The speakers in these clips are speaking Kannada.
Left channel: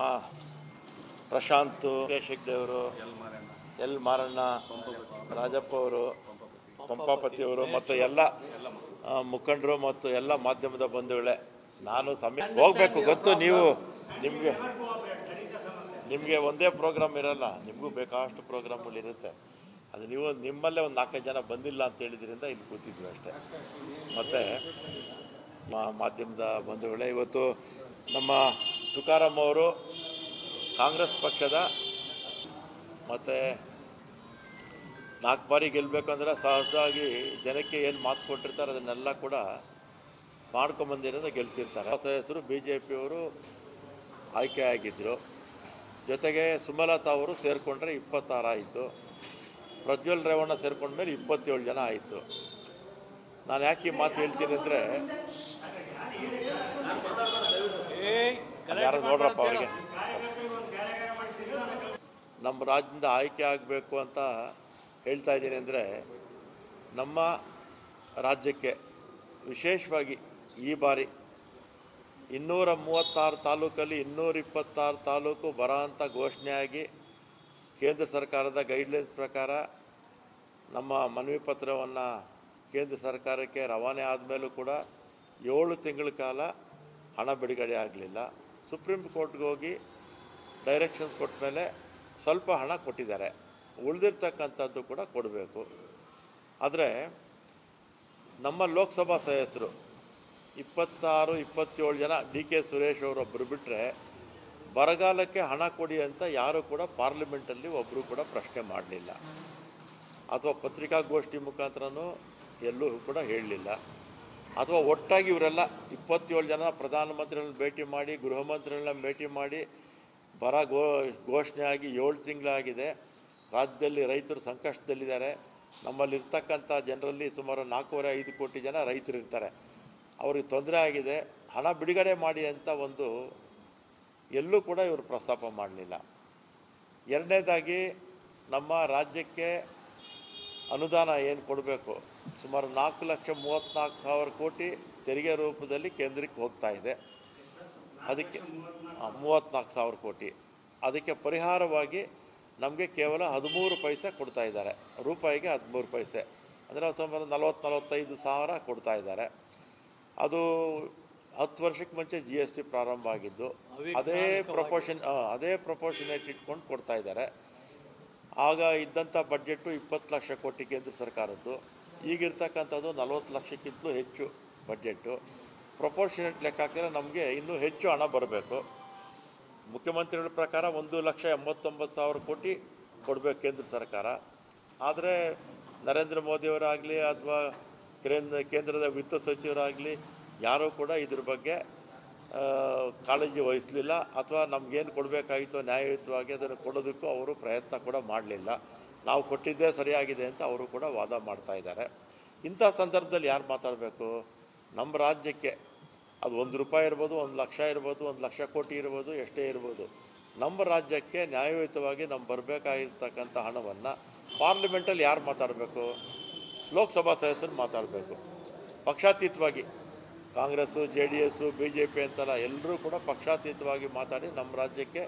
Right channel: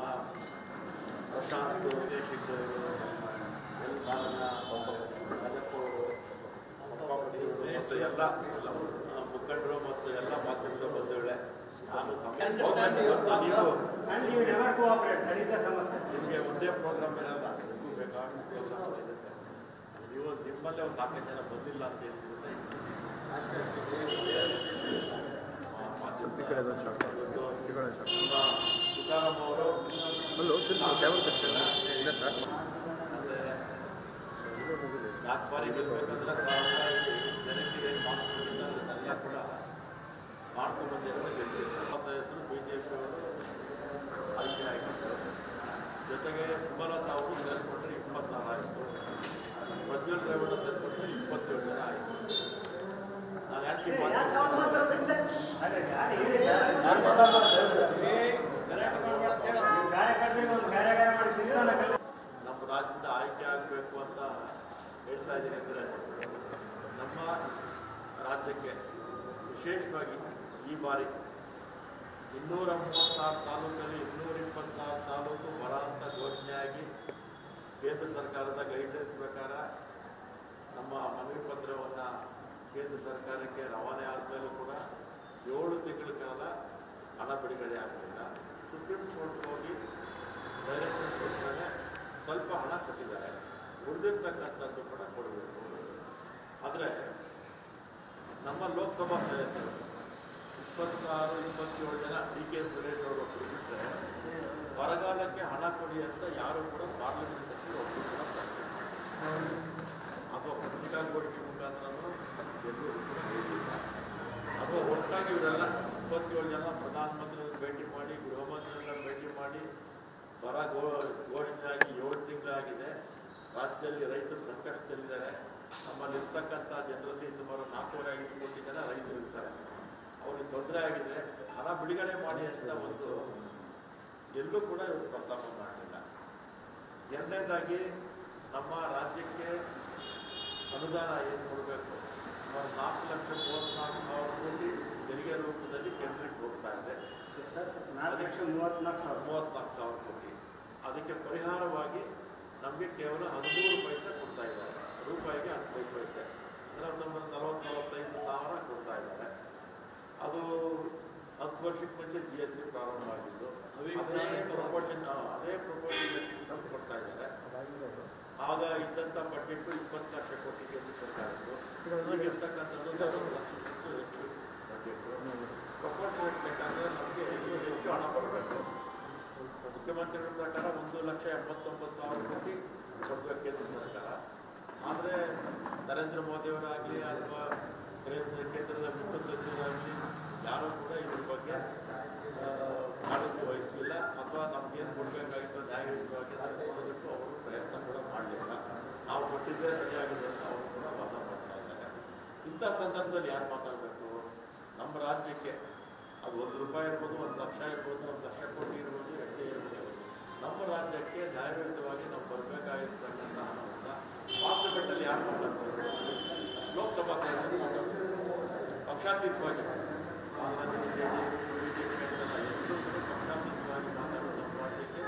ನಮ್ಮ ಪ್ರಶಾಂತ್ ಹೆಗ್ಡೆಯವರು, ಎಲ್ ಮಾರಣ್ಣ, ರಾಜಪ್ಪ ಅವರು, ಪಂಪಾಪತಿಯವರು ಮತ್ತು ಎಲ್ಲ ಮುಖಂಡರು ಮತ್ತು ಎಲ್ಲ ಮಾಧ್ಯಮದ ಬಂಧುಗಳೇ, ನಾನು ಸಮಯ ಹೋಗಬೇಕು. ಗೊತ್ತು, ನೀವು ನಿಮಗೆ ಒಂದೇ ಪ್ರೋಗ್ರಾಮ್ ಇರಲ್ಲ, ನಿಮಗೂ ಬೇಕಾದಷ್ಟು ಪ್ರೋಗ್ರಾಮ್ಗಳು ಇರುತ್ತೆ. ಅದು ನೀವು ನಿಮ್ಮಲ್ಲೇ ಒಂದು 4-5 ಜನ ಬಂದಿಲ್ಲ ಅಂತ ಹೇಳಿದ್ರಿಂದ ಇಲ್ಲಿ ಕೂತಿದ್ವಿ ಅಷ್ಟೇ. ಮತ್ತು ಮಾಧ್ಯಮದ ಬಂಧುಗಳೇ, ಇವತ್ತು ನಮ್ಮ ತುಕಾರಾಮ್ ಅವರು ಕಾಂಗ್ರೆಸ್ ಪಕ್ಷದ ಮತ್ತು 4 ಬಾರಿ ಗೆಲ್ಲಬೇಕಂದ್ರೆ ಸಹಜವಾಗಿ ಜನಕ್ಕೆ ಏನು ಮಾತು ಕೊಟ್ಟಿರ್ತಾರೆ ಅದನ್ನೆಲ್ಲ ಕೂಡ ಮಾಡ್ಕೊಂಬಂದಿರೋದು ಗೆಲ್ತಿರ್ತಾರೆ. ಹೊಸ ಹೆಸರು BJPಯವರು ಆಯ್ಕೆ ಆಗಿದ್ದರು. ಜೊತೆಗೆ ಸುಮಲತಾ ಅವರು ಸೇರಿಕೊಂಡ್ರೆ 26 ಆಯಿತು. ಪ್ರಜ್ವಲ್ ರೇವಣ್ಣ ಸೇರಿಕೊಂಡ್ಮೇಲೆ 27 ಜನ ಆಯಿತು. ನಾನು ಯಾಕೆ ಈ ಮಾತು ಹೇಳ್ತೀನಿ ಅಂದರೆ, ಯಾರು ನೋಡ್ರಪ್ಪ, ಅವರಿಗೆ ನಮ್ಮ ರಾಜ್ಯದಿಂದ ಆಯ್ಕೆ ಆಗಬೇಕು ಅಂತ ಹೇಳ್ತಾ ಇದ್ದೀನಿ ಅಂದರೆ, ನಮ್ಮ ರಾಜ್ಯಕ್ಕೆ ವಿಶೇಷವಾಗಿ ಈ ಬಾರಿ 236 ತಾಲೂಕಲ್ಲಿ 226 ತಾಲೂಕು ಬರ ಅಂತ ಘೋಷಣೆಯಾಗಿ ಕೇಂದ್ರ ಸರ್ಕಾರದ ಗೈಡ್ಲೈನ್ಸ್ ಪ್ರಕಾರ ನಮ್ಮ ಮನವಿ ಪತ್ರವನ್ನು ಕೇಂದ್ರ ಸರ್ಕಾರಕ್ಕೆ ರವಾನೆ ಆದಮೇಲೂ ಕೂಡ 7 ತಿಂಗಳ ಕಾಲ ಹಣ ಬಿಡುಗಡೆ ಆಗಲಿಲ್ಲ. ಸುಪ್ರೀಂ ಕೋರ್ಟ್ಗೆ ಹೋಗಿ ಡೈರೆಕ್ಷನ್ಸ್ ಕೊಟ್ಟ ಮೇಲೆ ಸ್ವಲ್ಪ ಹಣ ಕೊಟ್ಟಿದ್ದಾರೆ, ಉಳಿದಿರ್ತಕ್ಕಂಥದ್ದು ಕೂಡ ಕೊಡಬೇಕು. ಆದರೆ ನಮ್ಮ ಲೋಕಸಭಾ ಸದಸ್ಯರು 26-27 ಜನ, DK ಸುರೇಶ್ ಅವರೊಬ್ಬರು ಬಿಟ್ಟರೆ ಬರಗಾಲಕ್ಕೆ ಹಣ ಕೊಡಿ ಅಂತ ಯಾರೂ ಕೂಡ ಪಾರ್ಲಿಮೆಂಟಲ್ಲಿ ಒಬ್ಬರು ಕೂಡ ಪ್ರಶ್ನೆ ಮಾಡಲಿಲ್ಲ, ಅಥವಾ ಪತ್ರಿಕಾಗೋಷ್ಠಿ ಮುಖಾಂತರನೂ ಎಲ್ಲೂ ಕೂಡ ಹೇಳಲಿಲ್ಲ. ಅಥವಾ ಒಟ್ಟಾಗಿ ಇವರೆಲ್ಲ 27 ಜನ ಪ್ರಧಾನಮಂತ್ರಿಗಳನ್ನ ಭೇಟಿ ಮಾಡಿ, ಗೃಹ ಮಂತ್ರಿಗಳನ್ನ ಭೇಟಿ ಮಾಡಿ, ಬರ ಘೋಷಣೆ ಆಗಿ 7 ತಿಂಗಳಾಗಿದೆ, ರಾಜ್ಯದಲ್ಲಿ ರೈತರು ಸಂಕಷ್ಟದಲ್ಲಿದ್ದಾರೆ, ನಮ್ಮಲ್ಲಿರ್ತಕ್ಕಂಥ ಜನರಲ್ಲಿ ಸುಮಾರು 4.5 ಕೋಟಿ ಜನ ರೈತರಿರ್ತಾರೆ, ಅವ್ರಿಗೆ ತೊಂದರೆ ಆಗಿದೆ, ಹಣ ಬಿಡುಗಡೆ ಮಾಡಿ ಅಂತ ಒಂದು ಎಲ್ಲೂ ಕೂಡ ಇವರು ಪ್ರಸ್ತಾಪ ಮಾಡಲಿಲ್ಲ. ಎರಡನೇದಾಗಿ ನಮ್ಮ ರಾಜ್ಯಕ್ಕೆ ಅನುದಾನ ಏನು ಕೊಡಬೇಕು, ಸುಮಾರು 4,34,000 ಕೋಟಿ ತೆರಿಗೆ ರೂಪದಲ್ಲಿ ಕೇಂದ್ರಕ್ಕೆ ಹೋಗ್ತಾ ಇದೆ. ಅದಕ್ಕೆ 34,000 ಕೋಟಿ, ಅದಕ್ಕೆ ಪರಿಹಾರವಾಗಿ ನಮಗೆ ಕೇವಲ 13 ಪೈಸೆ ಕೊಡ್ತಾ ಇದ್ದಾರೆ, ರೂಪಾಯಿಗೆ 13 ಪೈಸೆ, ಅಂದರೆ ಸುಮಾರು 40-45 ಸಾವಿರ ಕೊಡ್ತಾ ಇದ್ದಾರೆ. ಅದು 10 ವರ್ಷಕ್ಕೆ ಮುಂಚೆ GST ಪ್ರಾರಂಭ ಆಗಿದ್ದು, ಅದೇ ಪ್ರಪೋರ್ಷನೇಟ್ ಇಟ್ಕೊಂಡು ಕೊಡ್ತಾ ಇದ್ದಾರೆ. ಆಗ ಇದ್ದಂಥ ಬಡ್ಜೆಟ್ಟು 20 ಲಕ್ಷ ಕೋಟಿ ಕೇಂದ್ರ ಸರ್ಕಾರದ್ದು, ಈಗಿರ್ತಕ್ಕಂಥದ್ದು 40 ಲಕ್ಷಕ್ಕಿಂತಲೂ ಹೆಚ್ಚು ಬಡ್ಜೆಟ್ಟು. ಪ್ರಪೋರ್ಷನೇಟ್ ಲೆಕ್ಕ ಹಾಕಿದ್ರೆ ನಮಗೆ ಇನ್ನೂ ಹೆಚ್ಚು ಹಣ ಬರಬೇಕು. ಮುಖ್ಯಮಂತ್ರಿಗಳ ಪ್ರಕಾರ 1,89,000 ಕೋಟಿ ಕೊಡಬೇಕು ಕೇಂದ್ರ ಸರ್ಕಾರ. ಆದರೆ ನರೇಂದ್ರ ಮೋದಿಯವರಾಗಲಿ ಅಥವಾ ಕೇಂದ್ರದ ವಿತ್ತ ಸಚಿವರಾಗಲಿ ಯಾರೂ ಕೂಡ ಇದ್ರ ಬಗ್ಗೆ ಕಾಳಜಿ ವಹಿಸಲಿಲ್ಲ, ಅಥವಾ ನಮಗೇನು ಕೊಡಬೇಕಾಗಿತ್ತು ನ್ಯಾಯಯುತವಾಗಿ ಅದನ್ನು ಕೊಡೋದಕ್ಕೂ ಅವರು ಪ್ರಯತ್ನ ಕೂಡ ಮಾಡಲಿಲ್ಲ. ನಾವು ಕೊಟ್ಟಿದ್ದೇ ಸರಿಯಾಗಿದೆ ಅಂತ ಅವರು ಕೂಡ ವಾದ ಮಾಡ್ತಾ ಇದ್ದಾರೆ. ಇಂಥ ಸಂದರ್ಭದಲ್ಲಿ ಯಾರು ಮಾತಾಡಬೇಕು? ನಮ್ಮ ರಾಜ್ಯಕ್ಕೆ ಅದು 1 ರೂಪಾಯಿ ಇರ್ಬೋದು, 1 ಲಕ್ಷ ಇರ್ಬೋದು, 1 ಲಕ್ಷ ಕೋಟಿ ಇರ್ಬೋದು, ಎಷ್ಟೇ ಇರ್ಬೋದು, ನಮ್ಮ ರಾಜ್ಯಕ್ಕೆ ನ್ಯಾಯಯುತವಾಗಿ ನಮ್ಮ ಬರಬೇಕಾಗಿರ್ತಕ್ಕಂಥ ಹಣವನ್ನು ಪಾರ್ಲಿಮೆಂಟಲ್ಲಿ ಯಾರು ಮಾತಾಡಬೇಕು? ಲೋಕಸಭಾ ಸದಸ್ಯರು ಮಾತಾಡಬೇಕು. ಪಕ್ಷಾತೀತವಾಗಿ ಕಾಂಗ್ರೆಸ್ಸು, JDS, BJP ಅಂತಲ್ಲ, ಎಲ್ಲರೂ ಕೂಡ ಪಕ್ಷಾತೀತವಾಗಿ ಮಾತಾಡಿ ನಮ್ಮ ರಾಜ್ಯಕ್ಕೆ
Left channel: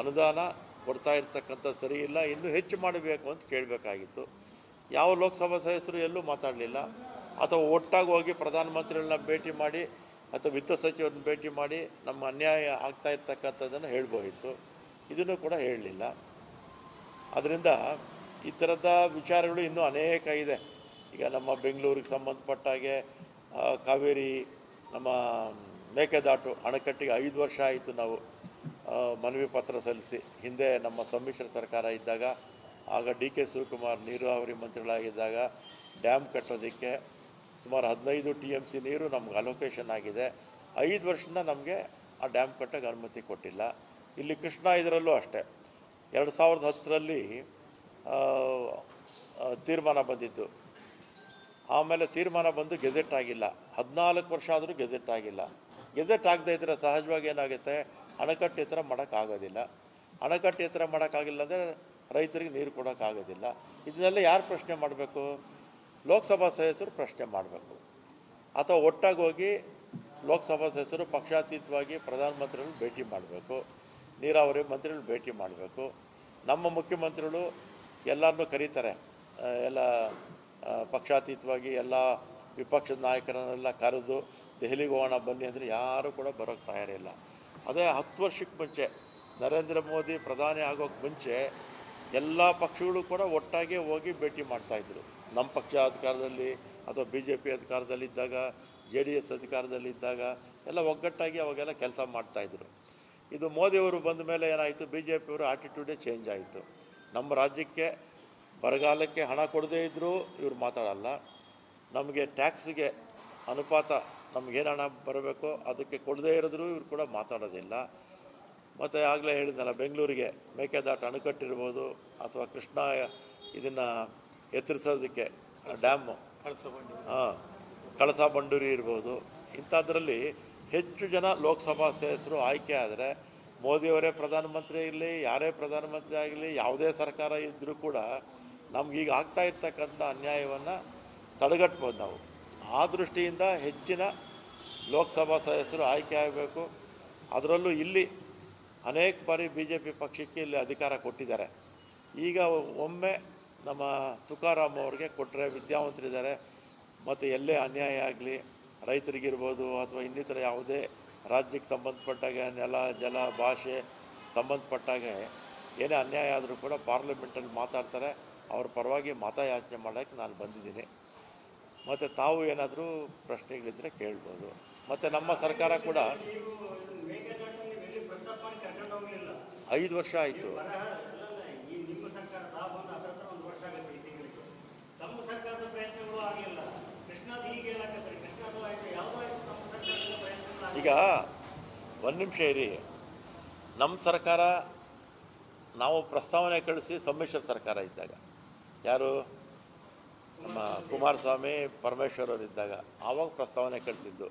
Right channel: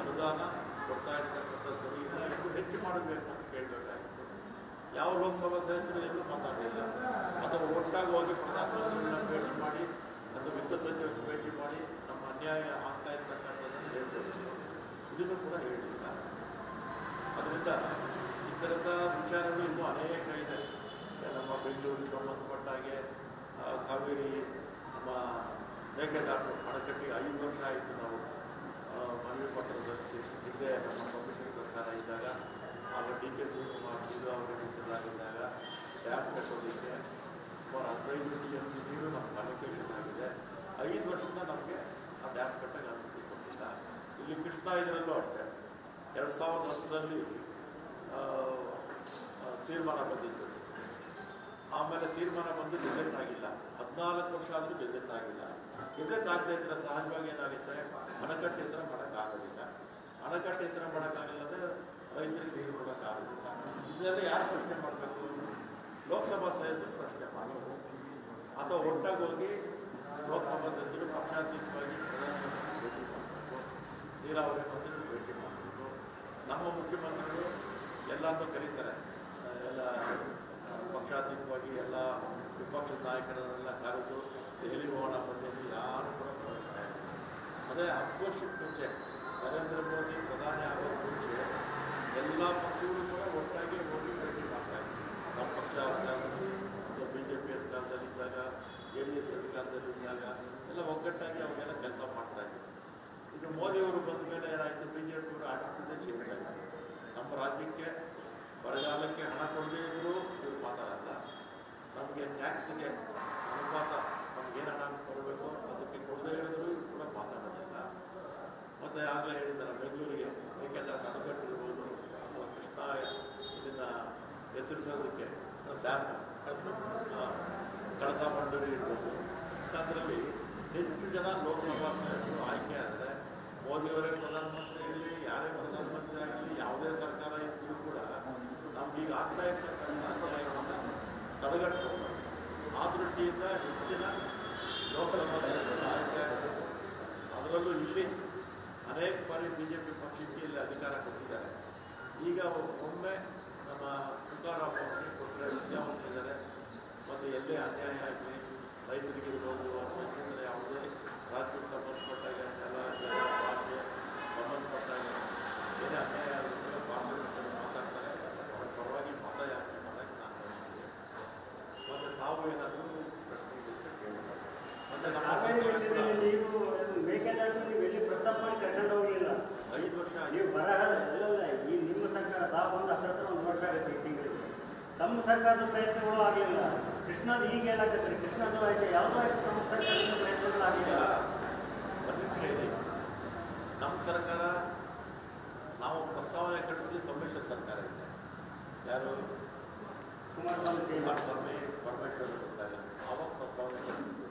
ಅನುದಾನ ಕೊಡ್ತಾ ಇರ್ತಕ್ಕಂಥ ಸರಿ ಇಲ್ಲ, ಇನ್ನೂ ಹೆಚ್ಚು ಮಾಡಬೇಕು ಅಂತ ಕೇಳಬೇಕಾಗಿತ್ತು. ಯಾವ ಲೋಕಸಭಾ ಸದಸ್ಯರು ಎಲ್ಲೂ ಮಾತಾಡಲಿಲ್ಲ. ಅಥವಾ ಒಟ್ಟಾಗಿ ಹೋಗಿ ಪ್ರಧಾನಮಂತ್ರಿಗಳನ್ನ ಭೇಟಿ ಮಾಡಿ ಅಥವಾ ವಿತ್ತ ಸಚಿವರನ್ನ ಭೇಟಿ ಮಾಡಿ ನಮ್ಮ ಅನ್ಯಾಯ ಆಗ್ತಾ ಇರ್ತಕ್ಕಂಥದ್ದನ್ನು ಹೇಳ್ಬೋದಿತ್ತು, ಇದನ್ನು ಕೂಡ ಹೇಳಲಿಲ್ಲ. ಅದರಿಂದ ಈ ಥರದ ವಿಚಾರಗಳು ಇನ್ನೂ ಅನೇಕ ಇದೆ. ಈಗ ನಮ್ಮ ಬೆಂಗಳೂರಿಗೆ ಸಂಬಂಧಪಟ್ಟ ಹಾಗೆ ಕಾವೇರಿ ನಮ್ಮ ಮೇಕೆದಾಟು ಅಣೆಕಟ್ಟಿಗೆ 5 ವರ್ಷ ಆಯಿತು ನಾವು ಮನವಿ ಪತ್ರ ಸಲ್ಲಿಸಿ. ಹಿಂದೆ ನಮ್ಮ ಸಮ್ಮಿಶ್ರ ಸರ್ಕಾರ ಇದ್ದಾಗ, ಆಗ DK ಶಿವಕುಮಾರ್ ನೀರಾವರಿ ಮಂತ್ರಿಗಳಾಗಿದ್ದಾಗ ಡ್ಯಾಮ್ ಕಟ್ಟೋದಕ್ಕೆ ಸುಮಾರು 15 TMC ನೀರು ನಮ್ಗೆ ಅಲೋಕೇಶನ್ ಆಗಿದೆ. 5 ವರ್ಷದಿಂದ ನಮಗೆ ಆ ಡ್ಯಾಮ್ ಕಟ್ಟೋಕ್ಕೆ ಅನುಮತಿ ಕೊಟ್ಟಿಲ್ಲ. ಇಲ್ಲಿ ಕೃಷ್ಣಾ ಇದರಲ್ಲೂ ಅಷ್ಟೇ 2010ರಲ್ಲಿ ತೀರ್ಮಾನ ಬಂದಿತ್ತು, ಆಮೇಲೆ ತೀರ್ಮಾನ ಬಂದು ಗೆಜೆಟ್ ಆಗಿಲ್ಲ. 14 ವರ್ಷ ಆದರೂ ಗೆಜೆಟ್ ಆಗಿಲ್ಲ. ಗೆಜೆಟ್ ಆಗದೇ ಇದ್ದರೆ ಸಹಜವಾಗಿ ಏನಾಗುತ್ತೆ, ಅಣೆಕಟ್ಟು ಎತ್ತರ ಮಾಡೋಕ್ಕಾಗೋದಿಲ್ಲ. ಅಣೆಕಟ್ಟು ಎತ್ತರ ಮಾಡೋಕ್ಕಾಗಿಲ್ಲ ಅಂದರೆ ರೈತರಿಗೆ ನೀರು ಕೊಡೋಕ್ಕಾಗೋದಿಲ್ಲ. ಇದನ್ನೆಲ್ಲ ಯಾರು ಪ್ರಶ್ನೆ ಮಾಡಬೇಕು? ಲೋಕಸಭಾ ಸದಸ್ಯರು ಪ್ರಶ್ನೆ ಮಾಡಬೇಕು. ಅಥವಾ ಒಟ್ಟಾಗಿ ಹೋಗಿ ಲೋಕಸಭಾ ಸದಸ್ಯರು ಪಕ್ಷಾತೀತವಾಗಿ ಪ್ರಧಾನಮಂತ್ರಿಗಳು ಭೇಟಿ ಮಾಡಬೇಕು. ನೀರಾವರಿ ಮಂತ್ರಿಗಳು ಭೇಟಿ ಮಾಡಬೇಕು. ನಮ್ಮ ಮುಖ್ಯಮಂತ್ರಿಗಳು ಎಲ್ಲರನ್ನೂ ಕರೀತಾರೆ, ಎಲ್ಲ ಪಕ್ಷಾತೀತವಾಗಿ ಎಲ್ಲ ವಿಪಕ್ಷದ ನಾಯಕರನ್ನೆಲ್ಲ ಕರೆದು ದೆಹಲಿಗೆ ಹೋಗೋಣ ಬನ್ನಿ ಅಂದರೆ ಯಾರೂ ಕೂಡ ಬರೋಕ್ಕೆ ತಯಾರಿಲ್ಲ. ಅದೇ 10 ವರ್ಷಕ್ಕೆ ಮುಂಚೆ ನರೇಂದ್ರ ಮೋದಿ ಪ್ರಧಾನಿ ಆಗೋಕ್ಕೆ ಮುಂಚೆ ಎಲ್ಲ ಪಕ್ಷಗಳು ಕೂಡ ಒಟ್ಟಾಗಿ ಹೋಗಿ ಭೇಟಿ ಮಾಡ್ತಾಯಿದ್ರು. ನಮ್ಮ ಪಕ್ಷ ಅಧಿಕಾರದಲ್ಲಿ ಅಥವಾ BJP ಅಧಿಕಾರದಲ್ಲಿದ್ದಾಗ, JDS ಅಧಿಕಾರದಲ್ಲಿದ್ದಾಗ ಎಲ್ಲ ಒಗ್ಗಟ್ಟಾಗಿ ಅವಾಗೆಲ್ಲ ಕೆಲಸ ಮಾಡ್ತಾಯಿದ್ರು. ಇದು ಮೋದಿಯವರು ಬಂದ ಮೇಲೆ ಏನಾಯಿತು, BJPಯವರು ಆಟಿಟ್ಯೂಡೇ ಚೇಂಜ್ ಆಯಿತು. ನಮ್ಮ ರಾಜ್ಯಕ್ಕೆ ಬರಗಾಲಕ್ಕೆ ಹಣ ಕೊಡದೇ ಇದ್ದರೂ ಇವ್ರು ಮಾತಾಡಲ್ಲ, ನಮಗೆ ಟ್ಯಾಕ್ಸಿಗೆ ಅನುಪಾತ ನಮಗೇನು ಹಣ ಬರಬೇಕೋ ಅದಕ್ಕೆ ಕೊಡದೇ ಇರಿದ್ರು ಇವ್ರು ಕೂಡ ಮಾತಾಡೋದಿಲ್ಲ. ಮತ್ತು ಆಗಲೇ ಹೇಳಿದ್ದಲ್ಲ, ಬೆಂಗಳೂರಿಗೆ ಮೇಕೆದಾಟು ಅಣೆಕಟ್ಟಿರ್ಬೋದು ಅಥವಾ ಕೃಷ್ಣ ಇದನ್ನು ಎತ್ತರಿಸೋದಕ್ಕೆ ಡ್ಯಾಮು, ಕಳಸಾ ಬಂಡೂರಿ ಇರ್ಬೋದು, ಇಂಥದ್ರಲ್ಲಿ ಹೆಚ್ಚು ಜನ ಲೋಕಸಭಾ ಸದಸ್ಯರು ಆಯ್ಕೆ ಆದರೆ ಮೋದಿಯವರೇ ಪ್ರಧಾನಮಂತ್ರಿ ಇರಲಿ, ಯಾರೇ ಪ್ರಧಾನಮಂತ್ರಿ ಆಗಲಿ, ಯಾವುದೇ ಸರ್ಕಾರ ಇದ್ದರೂ ಕೂಡ ನಮಗೀಗ ಆಗ್ತಾ ಇರ್ತಕ್ಕಂಥ ಅನ್ಯಾಯವನ್ನು ತಡೆಗಟ್ಬೋದು ನಾವು. ಆ ದೃಷ್ಟಿಯಿಂದ ಹೆಚ್ಚಿನ ಲೋಕಸಭಾ ಸದಸ್ಯರು ಆಯ್ಕೆ ಆಗಬೇಕು. ಅದರಲ್ಲೂ ಇಲ್ಲಿ ಅನೇಕ ಬಾರಿ BJP ಪಕ್ಷಕ್ಕೆ ಇಲ್ಲಿ ಅಧಿಕಾರ ಕೊಟ್ಟಿದ್ದಾರೆ. ಈಗ ಒಮ್ಮೆ ನಮ್ಮ ತುಕಾರಾಮ್ ಅವ್ರಿಗೆ ಕೊಟ್ಟರೆ ವಿದ್ಯಾವಂತರಿದ್ದಾರೆ, ಮತ್ತು ಎಲ್ಲೇ ಅನ್ಯಾಯ ಆಗಲಿ ರೈತರಿಗಿರ್ಬೋದು ಅಥವಾ ಇನ್ನಿತರ ಯಾವುದೇ ರಾಜ್ಯಕ್ಕೆ ಸಂಬಂಧಪಟ್ಟಾಗ ನೆಲ ಜಲ ಭಾಷೆ ಸಂಬಂಧಪಟ್ಟಾಗೆ ಏನೇ ಅನ್ಯಾಯ ಆದರೂ ಕೂಡ ಪಾರ್ಲಿಮೆಂಟಲ್ಲಿ ಮಾತಾಡ್ತಾರೆ. ಅವ್ರ ಪರವಾಗಿ ಮತಯಾಚನೆ ಮಾಡೋಕ್ಕೆ ನಾನು ಬಂದಿದ್ದೀನಿ. ಮತ್ತು ತಾವು ಏನಾದರೂ ಪ್ರಶ್ನೆಗಳಿದ್ದರೆ ಕೇಳ್ಬೋದು. ಮತ್ತು ನಮ್ಮ ಸರ್ಕಾರ ಕೂಡ 5 ವರ್ಷ ಆಯಿತು. ನಿಮ್ಮ ಸರ್ಕಾರ ತಾವೊಂದು 1 ವರ್ಷ ಆಗುತ್ತೆ ಈ ತಿಂಗಳಿಗೆ. ತಮ್ಮ ಸರ್ಕಾರದ ಪ್ರಯತ್ನಗಳು ಆಗಲಿಲ್ಲ. ಕೃಷ್ಣದ ಈಗ ಏನಾಗತ್ತೆ, ಕೃಷ್ಣದ್ದು ಆಯ್ತು, ಯಾವುದೋ ಆಯ್ತು, ನಮ್ಮ ಸರ್ಕಾರದ ಪ್ರಯತ್ನಗಳು ಈಗ 1 ನಿಮಿಷ ಇರಿ. ನಮ್ಮ ಸರ್ಕಾರ ನಾವು ಪ್ರಸ್ತಾವನೆ ಕಳಿಸಿ ಸಮ್ಮಿಶ್ರ ಸರ್ಕಾರ ಇದ್ದಾಗ, ಯಾರು ಕುಮಾರಸ್ವಾಮಿ ಪರಮೇಶ್ವರವರಿದ್ದಾಗ ಆವಾಗ ಪ್ರಸ್ತಾವನೆ ಕಳಿಸಿದ್ದು.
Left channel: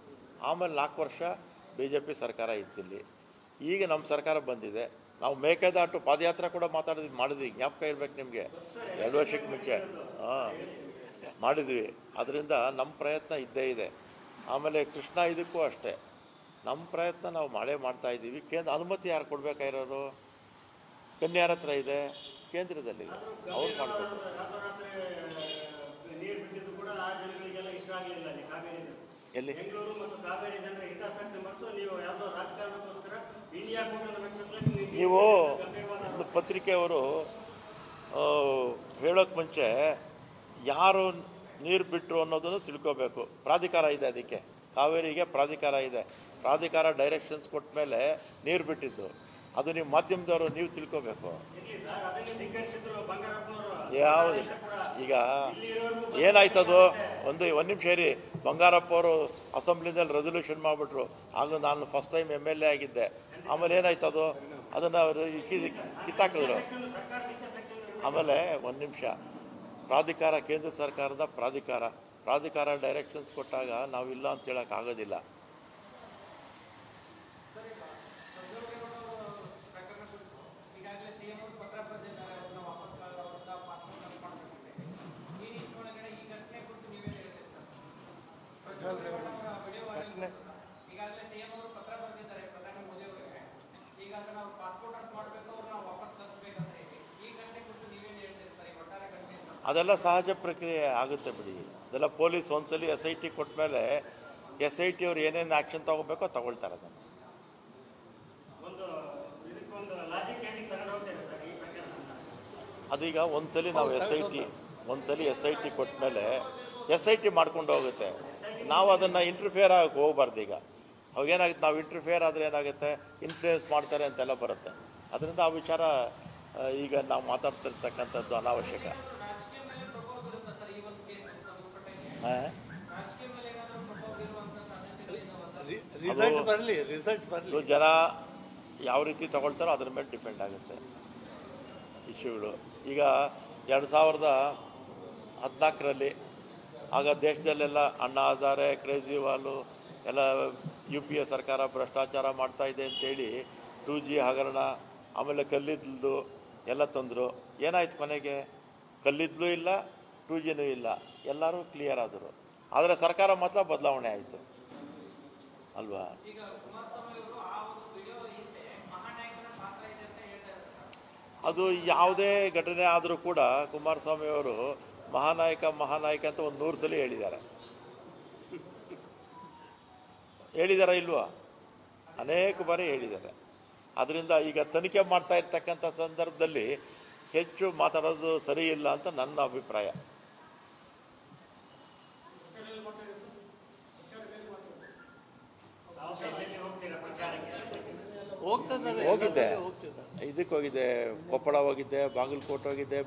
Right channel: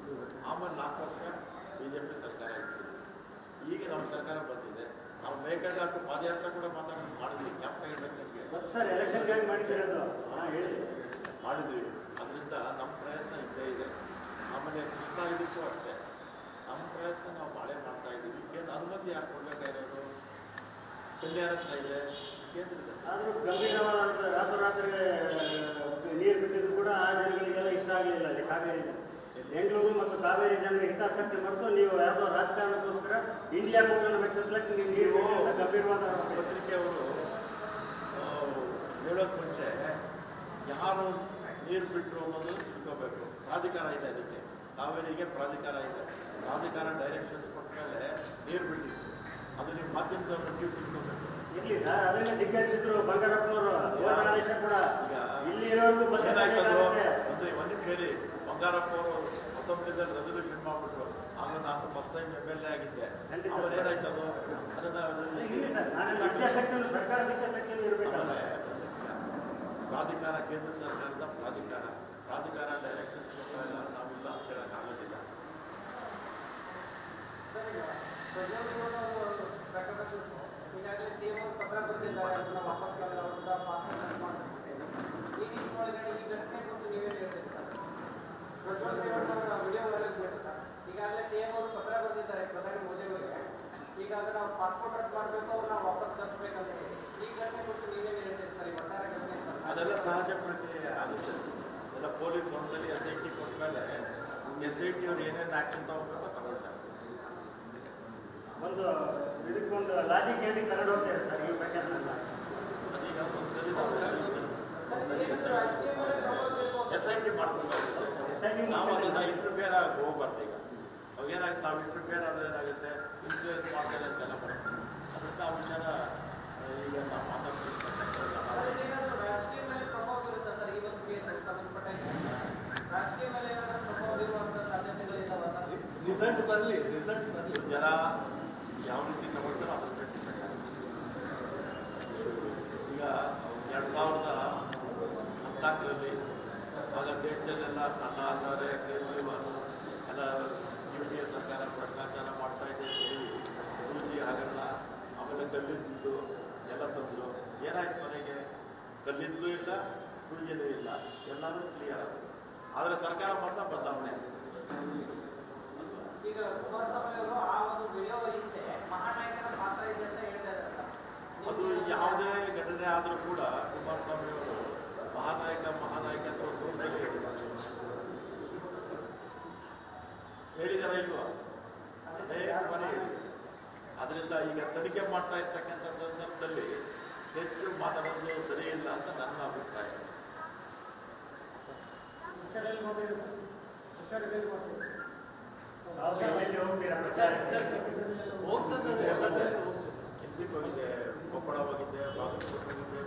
ಆಮೇಲೆ 4 ವರ್ಷ BJP ಸರ್ಕಾರ ಇತ್ತಿಲ್ಲಿ. ಈಗ ನಮ್ಮ ಸರ್ಕಾರ ಬಂದಿದೆ. ನಾವು ಮೇಕೆದಾಟು ಪಾದಯಾತ್ರೆ ಕೂಡ ಮಾಡಿದ್ವಿ, ಜ್ಞಾಪಕ ಇರ್ಬೇಕು ನಿಮಗೆ, 2 ವರ್ಷಕ್ಕೆ ಮುಂಚೆ ಮಾಡಿದ್ವಿ. ಅದರಿಂದ ನಮ್ಮ ಪ್ರಯತ್ನ ಇದ್ದೇ ಇದೆ. ಆಮೇಲೆ ಕೃಷ್ಣ ಇದಕ್ಕೂ ಅಷ್ಟೇ ನಮ್ಮ ಪ್ರಯತ್ನ ನಾವು ಮಾಡ್ತಾ ಇದ್ದೀವಿ. ಕೇಂದ್ರ ಅನುಮತಿ ಯಾರು ಕೊಡಬೇಕಾಗಿರೋರು? ಕನ್ಯಾರ ಹತ್ರ ಇದೆ, ಕೇಂದ್ರದಲ್ಲಿ. ನೀರು ಬಿಟ್ಟಿದ್ದು ಕೂಡ ಆ ಜನಗಳಿಗೆಲ್ಲ ಇಷ್ಟ ಆಗಲಿಲ್ಲ. ಕಾವೇರಿ ಎಲ್ಲಿ ಬೆಂಗಳೂರು ಮತ್ತು ಕಾವೇರಿ ಜನರ ಹಿತಾಸಕ್ತಿ ಮತ್ತು ನೀವು ಯಾವುದೋ ರಾಜಕಾರಣಕ್ಕೋಸ್ಕರ ಇಂಡಿಯಾ ಕೂಟನ್ನು ಮೆಚ್ಚಿಸ್ಲಿಕ್ಕೆ ನೀವು ಪತ್ರಿಕೆಯವರು ಹೇಳೋಕ್ಕೆ ಮುಂಚೆ ಯಾರು ನೀರು ಬಿಟ್ಟರು ಅನ್ನೋದು ತಿಳ್ಕೋಬೇಕು. ಪ್ರಾಧಿಕಾರ ಇದೆ, ಅದಕ್ಕೆ ಕಾವೇರಿಗೆ ಪ್ರಾಧಿಕಾರ ಇದೆ. ಪ್ರಾಧಿಕಾರ ಡೈರೆಕ್ಷನ್ಸ್ ಕೊಟ್ಟ ಮೇಲೆ ನೀರು ಬಿಟ್ಟಿದ್ದು ಅದು ನಿಮ್ಮ ಮಾಧ್ಯಮದವರು ನೀವು ತಿಳ್ಕೋಬೇಕು. ಈಗ ಏನಾಯ್ತದು, ಒಂದು ನಿಮಿಷ ಹೇಳಿ. ಬಂಗಾರಪ್ಪ ಅವರು ಅಸೆಂಬ್ಲಿದಲ್ಲಿ ರೆಸೊಲ್ಯೂಷನ್ ಮಾಡಿಬಿಟ್ರು. ಆಗ ನಾನು ಫಸ್ಟ್ ಟೈಮ್ MLA ಆಗಿದ್ದೆ. ಆಮೇಲೆ ಏನಾಯ್ತದು, ಅದನ್ನು ಕಿತ್ತಾಕಿದ್ರು. ಆಮೇಲೆ 1 ನಿಮಿಷ, ಪ್ರಾಧಿಕಾರ ಕೇಂದ್ರ ಸರ್ಕಾರದ ಪ್ರಾಧಿಕಾರ ಡೈರೆಕ್ಷನ್ಸ್ ಕೊಟ್ಟಾಗ ನಾವಿಲ್ಲ ಅಂತ ಹೇಳೋಕ್ಕಾಗೋದಿಲ್ಲ. ಅದೆಲ್ಲ ಸಹಜ ಪ್ರಕ್ರಿಯೆ ಆಗುತ್ತೆ ಬಿಡಿ. ಅದೆಲ್ಲ ಪೊಲೀಸ್ ಒಂದ್ಸಲಿ SIT ಕೊಟ್ಟ ಮೇಲೆ SIT ಅವ್ರು ಏನೇನು ಆ್ಯಕ್ಷನ್ ತೊಗೋಬೇಕೋ ತಗೊಳ್ತಾರೆ. ಅದೀಗ ಒಂದ್ಸಲಿ ನಾವು SIT ಕೊಟ್ಟ ಮೇಲೆ SIT ಮಾಡ್ಕೊಂಡು ಹೋಗುತ್ತೆ. ನಾವು ಅದನ್ನು ಇಂಟರ್ಫಿಯರ್ ಆಗಿ ಹೋಗ್ಬಾರ್ದು. ಈಗ ಅವಾಗೇನಾಗುತ್ತೆ, ನಾವು ಇಂಟರ್ಫಿಯರ್ ಆದರೆ ಏನಾಗುತ್ತೆ, ಇನ್ಫ್ಲೂಯೆನ್ಸ್ ಮಾಡ್ತಾರೆ ಅಂತೆಲ್ಲ ಬರುತ್ತೆ. ಅದರಿಂದ ಆ ವಿಚಾರ ಈಗ ನಾವು ಮಾತಾಡ್ತಿರ್ತಕ್ಕಂಥದ್ದು ಅನಾವಶ್ಯಕ. ಜನ ಯಾವ ರೀತಿ ತಗೊಳ್ತಾರೋ ಅದ್ರ ಮೇಲೆ ಡಿಪೆಂಡ್ ಆಗುತ್ತೆ ಇಶ್ಯೂಗಳು. ಈಗ 2014ರಲ್ಲಿ ಆಗ ದೇಶದಲ್ಲೆಲ್ಲ ಅಣ್ಣಾ ಹಜಾರೆ, ಕೇಜ್ರಿವಾಲ್ ಎಲ್ಲ UPA ಸರ್ಕಾರ ಭ್ರಷ್ಟಾಚಾರ ಮಾಡ್ತಾಯಿದೆ ಅಂತೇಳಿ 2G ಹಗರಣ, ಆಮೇಲೆ ಕಲ್ಲಿದ್ದಲು ಎಲ್ಲ ತಂದರು. ಏನಾಯ್ತು ಕೊನೆಗೆ? ಕಲ್ಲಿದ್ದಲು ಇಲ್ಲ, 2Gನೂ ಇಲ್ಲ, ಎಲ್ಲರೂ ಕ್ಲಿಯರ್ ಆದರು. ಆದರೆ ಸರ್ಕಾರ ಮಾತ್ರ ಬದಲಾವಣೆ ಆಯಿತು ಅಲ್ವಾ? ಇದು ಯಾವುದೇ ಘಟನೆ ಆದರೂ ಕೂಡ ಕುಮಾರಸ್ವಾಮಿ ಅವರು ಮಹಾನಾಯಕ ಅಂತ ಒಂದು 100 ಸಲ ಹೇಳಿದ್ದಾರೆ ಇಲ್ವಾ? ಅನೇಕ ಬಾರಿ ಹೇಳಿದ್ದಾರೆ. ಅದರಿಂದ ಈಗ ತನಿಖೆ ಮಾಡ್ತಾ ಇರ್ತಕ್ಕಂಥ ಸಂದರ್ಭದಲ್ಲಿ ಹೆಚ್ಚು ಮಾತಾಡೋದು ಸರಿ ಇಲ್ಲ ಅಂತ ನನ್ನ ಅಭಿಪ್ರಾಯ. ಹೋಗಿದ್ದೆ, ಇದಕ್ಕೆ ಹೋಗಿದ್ದೆ, ಕೊಪ್ಪಳ ಹೋಗಿದ್ದೆ, ಬಾಗಲಕೋಟೆ ಹೋಗಿದ್ದೆ,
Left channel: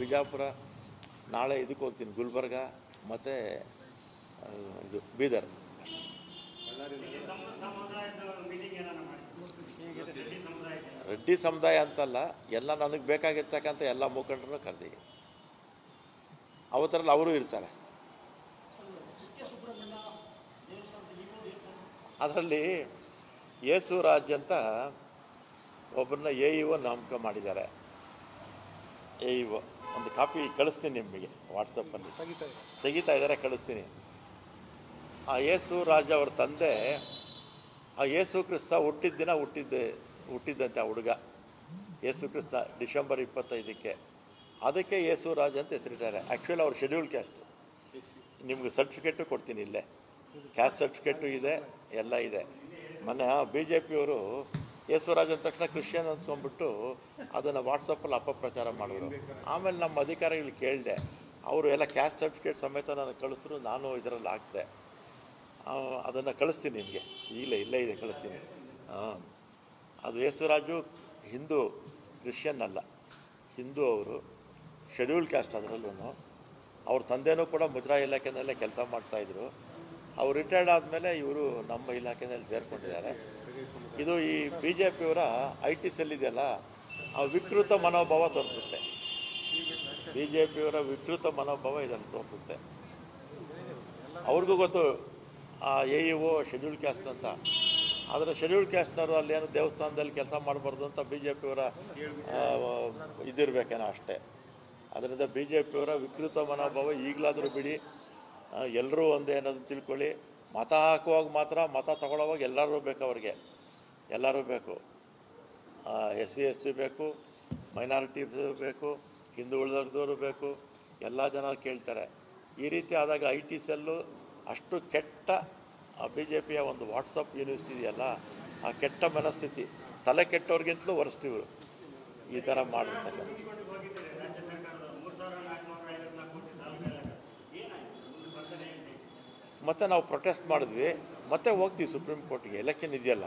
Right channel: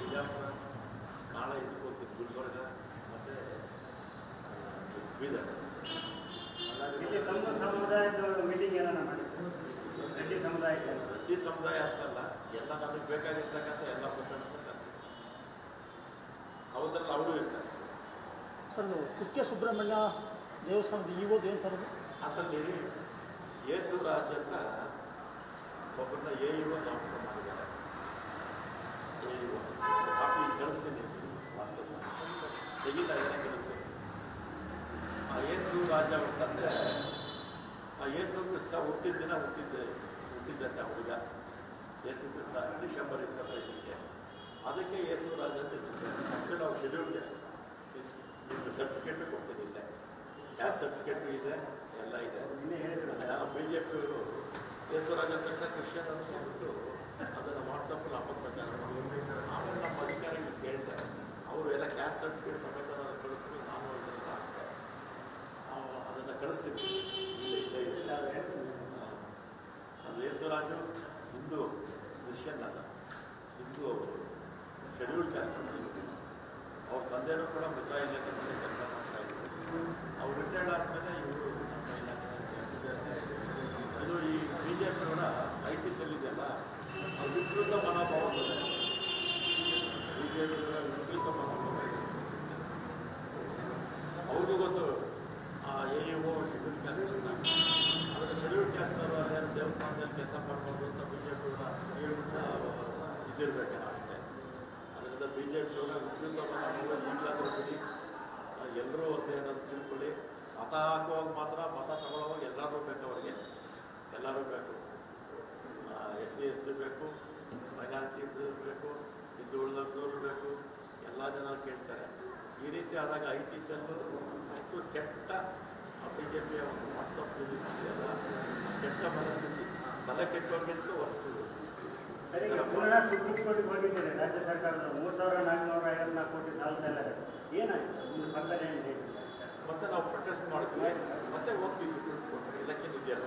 ಬಿಜಾಪುರ, ನಾಳೆ ಇದಕ್ಕೆ ಹೋಗ್ತೀನಿ, ಗುಲ್ಬರ್ಗ ಮತ್ತು ಬೀದರ್. ರೆಡ್ಡಿ ಸಮುದಾಯ ಅಂತಲ್ಲ, ಎಲ್ಲ ನನಗೆ ಬೇಕಾಗಿರ್ತಕ್ಕಂಥ ಎಲ್ಲ ಮುಖಂಡರು ಕರೆದಿಗೆ ಅವತ್ತರಲ್ಲಿ ಅವರು ಇರ್ತಾರೆ. ಸರ್, ಕುಕ್ಕೆ ಸುಬ್ರಹ್ಮಣ್ಯ ದೇವಸ್ಥಾನದ ಇವುದು ಏನು ಸರ್? ಅದರಲ್ಲಿ ಯೇಸು ರಾಜ್ ಅಂತ ಒಬ್ಬರನ್ನ AEO ನೇಮಕ ಮಾಡಿದ್ದಾರೆ. AEO ಒಂದು ಕಾಪಿ ಕಳಿಸ್ತೀನಿ ನಿಮಗೆ, ವಾಟ್ಸಪ್ಪಲ್ಲಿ ತೆಗಿತಾ ಇದ್ದಾರೆ, ಕಳಿಸ್ತೀನಿ. ಆ ಯೇಸು ರಾಜ್ ಅವ್ರ ತಂದೆ ಆ ಯೇಸು ಕ್ರಿಸ್ತ ಹುಟ್ಟಿದ ದಿನ ಹುಟ್ಟಿದ್ದಂತೆ ಆ ಹುಡುಗ. ಯೇಸು ಕ್ರಿಸ್ತ ಡಿಸೆಂಬರ್ 25ಕ್ಕೆ. ಅದಕ್ಕೆ ಯೇಸು ರಾಜ್ ಅಂತ ಹೆಸರಿದ್ದಾರೆ. ಆ್ಯಕ್ಚುಲಿ ಅವ್ರು ಶೆಡ್ಯೂಲ್ ಕ್ಯಾಸ್ಟ್. ನಿಮ್ಗೆ ಸರ್ಟಿಫಿಕೇಟು ಕೊಡ್ತೀನಿ, ಇಲ್ಲೇ ಕ್ಯಾಸ್ಟ್ ಸರ್ಟಿಫಿಕೇಟು ಇದೆ, ಎಲ್ಲ ಇದೆ. ಮೊನ್ನೆ BJPಯವರು ಯೇಸುರಾಜ್ ಅಂದ ತಕ್ಷಣ ಕ್ರಿಶ್ಚಿಯನ್ ಅಂದ್ಕೊಂಡ್ಬಿಟ್ಟು ಅದನ್ನು ವಾಟ್ಸಪ್ಪಲ್ಲಿ ಅಪಪ್ರಚಾರ ಮಾಡಿದ್ರು. ಆಮೇಲೆ ನಮ್ಮ ಅಧಿಕಾರಿಗಳಿಗೆ ಕೇಳಿದೆ, ಅವರು ಎಲ್ಲ ಕ್ಯಾಸ್ಟ್ ಸರ್ಟಿಫಿಕೇಟ್ ಸಮೇತ ನಾನು ಕಳಿಸಿದ್ರು, ನಾನು ಇದರಲ್ಲಿ ಹಾಕ್ದೆ. ಅದನ್ನು ಕಳಿಸ್ತೀನಿ ನಿಮಗೆ, ಇಲ್ಲೇ ಇದೆ, ಕಳಿಸ್ತೀನಿ. ಅದು ಯೇಸುರಾಜು ಹಿಂದೂ, ಕ್ರಿಶ್ಚಿಯನ್ ಅಲ್ಲ, ಹಿಂದೂ. ಅವರು ಶೆಡ್ಯೂಲ್ ಕ್ಯಾಸ್ಟ್. ಅದರಲ್ಲೂ ಅವ್ರ ತಂದೆನೂ ಕೂಡ ಮುದ್ರಾ ಇಲಾಖೆನಲ್ಲೇ ಕೆಲಸ ಮಾಡ್ತಾಯಿದ್ರು. ಅವ್ರು ರಿಟೈರ್ಡ್ ಆದಮೇಲೆ ಇವರು ನಮ್ಮ ಇಲಾಖೆಯಲ್ಲಿ ಸೇರ್ಕೊಂಡಿದ್ದಾರೆ. ಇದು ಈ BJPಯವರ IT ಸೆಲ್ ಇದೆಯಲ್ಲ, ಆ ವಿಕೃತ ಮನೋಭಾವ ತೋರಿಸುತ್ತೆ. BJPಯವರ ವಿಕೃತ ಮನೋಭಾವ ಇದನ್ನು ತೋರಿಸುತ್ತೆ. ಅವ್ರಿಗೂ ಗೊತ್ತು ಆ AEO ಶೆಡ್ಯೂಲ್ ಕ್ಯಾಸ್ಟ್ ಅಂತ. ಆದರೆ ಶೆಡ್ಯೂಲ್ ಕ್ಯಾಸ್ಟ್ನವರು ಅಲ್ಲೇನು ದೇವಸ್ಥಾನದಲ್ಲಿ ಕೆಲಸ ಮಾಡಬಾರ್ದು ಅಂತ BJPಯವರ ಇದಿರಬೇಕೇನೋ ಅಷ್ಟೇ. ಅದರಿಂದ BJPಯವರ ವಿಕೃತ ಮನೋಭಾವ ಈಗಲಾದರೂ ಬಿಡಿ, ಎಲ್ಲರೂ ಒಂದೇ ಅನ್ನೋದು ತಿಳ್ಕೊಳ್ಳಿ. ಮತ ಹಾಕುವಾಗ ಮಾತ್ರ, ಮತ ತಗೊಳ್ಳೋವಾಗ ಎಲ್ಲರೂ ಬೇಕು, ಅವ್ರಿಗೆ ಎಲ್ಲರೂ ಬೇಕು. SC ST ಬೇಕು, ಮೈನಾರಿಟಿ ಬೇಕು, ಹಿಂದೂ ಉಳಿದವರು ಬೇಕು, ಎಲ್ಲ ಜನ ಕೇಳ್ತಾರೆ. ಈ ರೀತಿ ಆದಾಗ IT ಸೆಲ್ಲು ಅಷ್ಟು ಕೆಟ್ಟ BJPಯ ಒಂದು ವಾಟ್ಸಪ್ ಯೂನಿವರ್ಸಿಟಿ ಇದೆಯಲ್ಲ, ಆ ಕೆಟ್ಟ ಮನಸ್ಥಿತಿ, ತಲೆ ಕೆಟ್ಟವ್ರಿಗಿಂತಲೂ ವರ್ಸ್ಟಿವ್ ಈ ಥರ ಮಾಡಿ. ರಾಜ್ಯ ಸರ್ಕಾರದ 3,454 ಕೋಟಿ ಸಾಲ ಮತ್ತೆ ನಾವು ಪ್ರೊಟೆಸ್ಟ್ ಮಾಡಿದ್ವಿ, ಮತ್ತೆ ಹೋಗ್ತೀವಿ ಸುಪ್ರೀಂ ಕೋರ್ಟ್ಗೆ. ಎಲೆಕ್ಷನ್ ಇದೆಯಲ್ಲ,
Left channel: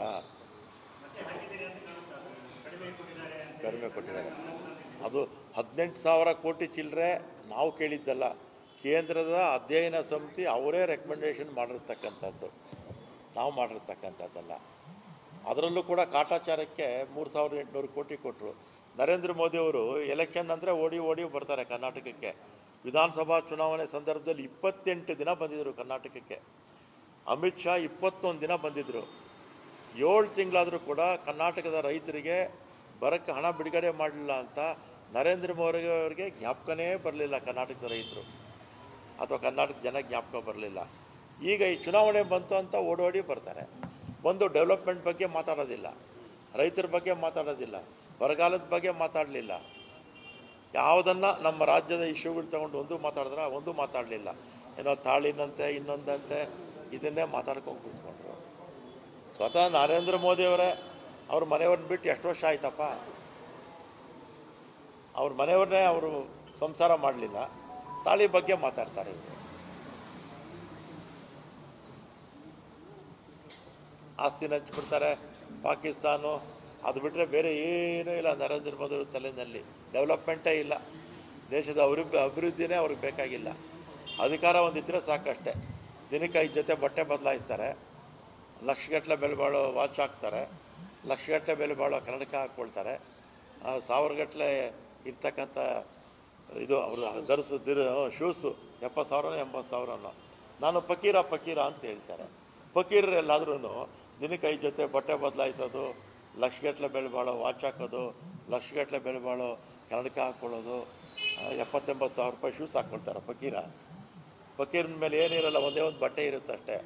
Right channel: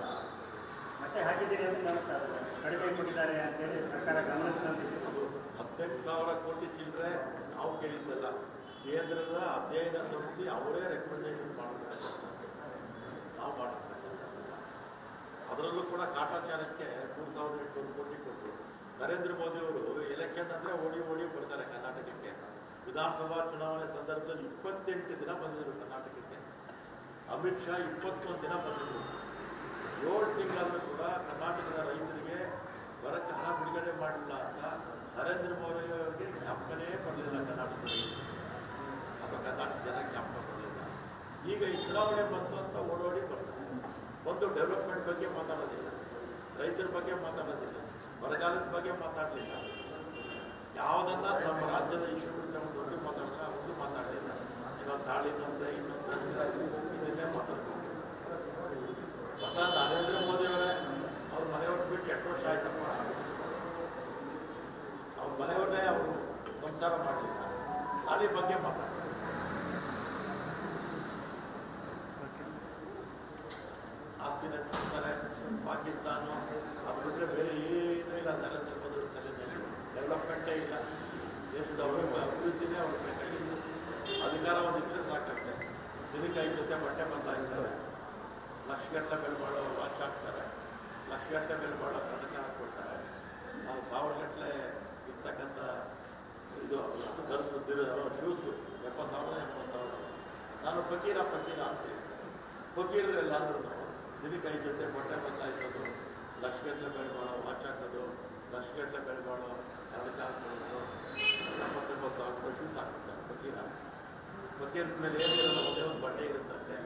ಅದು 18,000 ಕೋಟಿ ಚಿಲ್ಲರೆ ನಾವು ಕೇಳಿದ್ದಲ್ಲ. ಕೇಂದ್ರದ ಅಧ್ಯಯನ ಸಮಿತಿ ಅವರೇ ರೆಕಮೆಂಡೇಶನ್ ಮಾಡಿರ್ತಕ್ಕಂಥದ್ದು, ನಾವು ಮಾಡಿರ್ತಕ್ಕಂಥದ್ದಲ್ಲ. ಅದರಲ್ಲೂ ಕೂಡ ಕಾಟಾಚಾರಕ್ಕೆ 3,800 ಕೋಟಿ ಕೊಟ್ಟರು. ನರೇಂದ್ರ ಮೋದಿಯವರು ಎಲೆಕ್ಷನ್ ಅಂದರೆ ಓಡಿ ಬರ್ತಾರೆ ಕರ್ನಾಟಕಕ್ಕೆ. ವಿಧಾನಸಭಾ ಚುನಾವಣೆ ಸಂದರ್ಭದಲ್ಲಿ 28 ದಿನ ಬಂದಿದ್ದರು ಕರ್ನಾಟಕಕ್ಕೆ. ಅಮಿತ್ ಶಾ 21 ದಿನ ಬಂದಿದ್ದರು. 7 ತಿಂಗಳಾದರೂ ಕೂಡ ಕರ್ನಾಟಕದ ರೈತರಿಗೆ ಬರಕ್ಕೆ ಹಣ ಬಿಡುಗಡೆ ಮಾಡಲಿಲ್ಲ ಅಂತ ನರೇಂದ್ರ ಮೋದಿ ಅವರಿಗೆ ಜ್ಞಾಪಕನೇ ಬರಲಿಲ್ಲ. ಕರ್ನಾಟಕದ ರೈತರು ಅಥವಾ ಕರ್ನಾಟಕ ಜನ ಜ್ಞಾಪಕ ಬರಲಿಲ್ಲ. ಈಗ ಈ ಚುನಾವಣೆ ಬಂತು ಅಂತ ಓಡೋಡಿ ಬರ್ತಾರೆ. ಬಂದು ಡೆವಲಪ್ಮೆಂಟ್ ಬಗ್ಗೆ ಮಾತಾಡೋದಿಲ್ಲ, ರೈತರ ಬಗ್ಗೆ ಮಾತಾಡೋದಿಲ್ಲ, ಬರಗಾಲದ ಬಗ್ಗೆ ಮಾತಾಡಲಿಲ್ಲ. ಯಾವುದನ್ನು ನಮ್ಮ ರಾಜ್ಯದ ಇಶ್ಯೂಗಳು ತಗೊಂಡು ಒಂದು ಮಾತಾಡಲಿಲ್ಲ. ಏನೋ ತಾಳಿನಂತೆ ಇನ್ನೊಂದಂತೆ ಇದನ್ನೇ ಮಾತಾಡ್ಕೊಂಡು ಸ್ವತಃ ನರೇಂದ್ರ ಮೋದಿಯವರೇ ಅವ್ರ ಮನೆಯವ್ರನ್ನ ಬಿಟ್ಟು ಎಷ್ಟು ವರ್ಷ ಆಯ್ತಪ್ಪ. ಅವ್ರ ಮನೆಯವ್ರನ್ನೇ ಅವರು ಸಂಸಾರ ಮಾಡಲಿಲ್ಲ, ತಾಳಿ ಬಗ್ಗೆ ಮಾತಾಡ್ತಾರೆ. ಆಸ್ತಿನ ಹಂಚ್ಬಿಡ್ತಾರೆ. ಪಾಕಿಸ್ತಾನ ಅದು ಬಿಟ್ಟರೆ ಬೇರೆ ಏನೂ ಇಲ್ಲ ನರೇಂದ್ರ ಮೋದಿ ತಲೆಯಲ್ಲಿ. ಡೆವಲಪ್ಮೆಂಟೇ ಇಲ್ಲ, ದೇಶದ ಅಭಿವೃದ್ಧಿನೇ ಅವ್ರಿಗೆ ಬೇಕಾಗಿಲ್ಲ. ಅಧಿಕಾರ ಒಂದಿದ್ದರೆ ಸಾಕಷ್ಟೇ. ದಿನಕ್ಕೆ 5 ಜೊತೆ ಬಟ್ಟೆ ಬದಲಾಯಿಸ್ತಾರೆ, ಲಕ್ಷಗಟ್ಟಲೆ ಬೆಲೆ ಬಾಳೋ ವಾಚ್ ಹಾಕ್ತಾರೆ, ಲಕ್ಷಗಟ್ಟಲೆ ಬೆಲೆ ಬಾಳೋ ಕನ್ನಡಕ ಹಾಕ್ಕೊಳ್ತಾರೆ, 1000 ಗಟ್ಟಲೆ ಇರ್ತಕ್ಕಂಥ ಇದು ಅವರು ಧರಿಸಿದ ಶೂಸು 70,000 80,000. ನಾನು ಫಕೀರ ಅಂತ ಹೇಳ್ತಾರೆ. ಫಕೀರರೆಲ್ಲಾದ್ರೂ ದಿನಕ್ಕೆ 5 ಜೊತೆ ಬಟ್ಟೆ ಬದಲಾಯಿಸೋದು, ಲಕ್ಷಗಟ್ಟಲೆ ಬೆಲೆ ಬಾಳೋ ವಾಚ್ ಹಾಕೋದು, ಲಕ್ಷಗಟ್ಟಲೆ ಬೆಲೆ ಬಾಳೋ ಕನ್ನಡಕ ಹಾಕ್ಕೊಳ್ಳೋದು, 70,000-80,000 ರೂಪಾಯಿ ಶೂಸ್ ಹಾಕ್ಕೊಳ್ತಾರೆ ಫಕೀರನ ಮೇಲೆ ಏನಿರಲ್ಲ, ಒಂದೇ ಒಂದು ಬಟ್ಟೆ ಇರುತ್ತೆ ಅಷ್ಟೇ.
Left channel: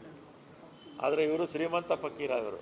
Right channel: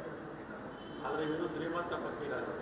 ಆದರೆ ಇವರು ಶ್ರೀಮಂತ ಫಕೀರ ಇವರು.